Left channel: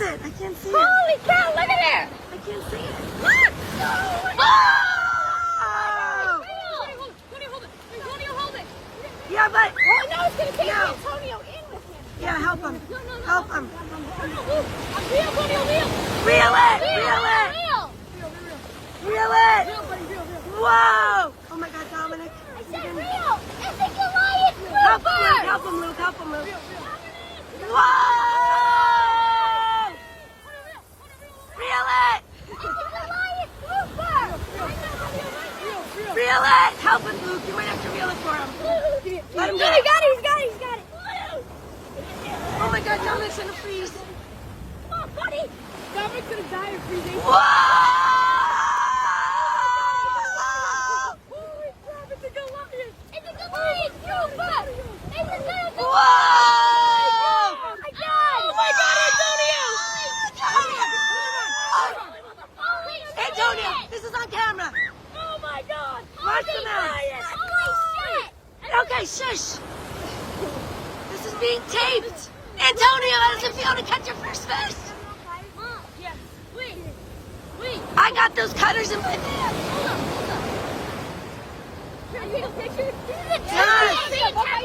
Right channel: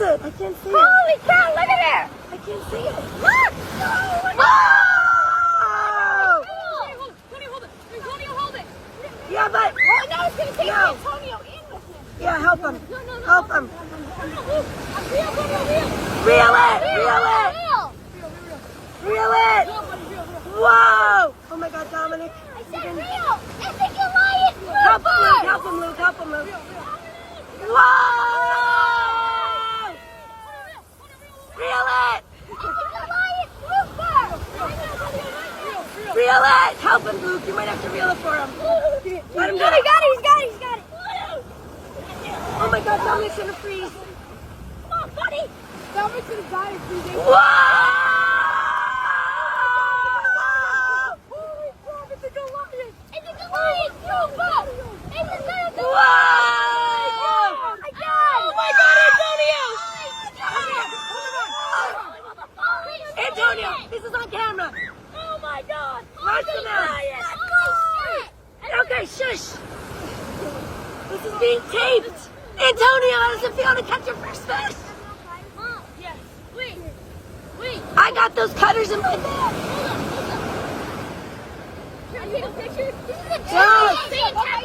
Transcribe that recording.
is it? I can't see it. Holy cow, look at that! I can't see it. Whoa! Tony, hold it. Antonio, hold it. Yeah, but... Oh, now it's going to take No. Antonio in with him. Yeah, help him. No. Help him. Reel, Antonio, Reel it. Reel it. Whoa. Oh my God, Dominic. I said reel. I think you're lying. Help him, Luke. Help him, Luke. Help him, Luke. Whoa. Reel it. Reel it. Help him, Luke. You might have to reel it for him. Let him do it. He's got it. Oh my God, Dominic's gonna freeze. Come on, buddy. Dominic's going to die of freezing. Whoa! Holy crap, it's a Goliath. It's a Goliath. Whoa! Oh my God, Antonio! Antonio, this is on camera. Oh my God! Watch the man. Oh shit! Okay, shush. This is being taped. Antonio, how does it feel to catch your first fish? Mom, yes. Wait. I got those cutters in my bag. Hold up. Can I take a picture? This is a Yes. fantastic.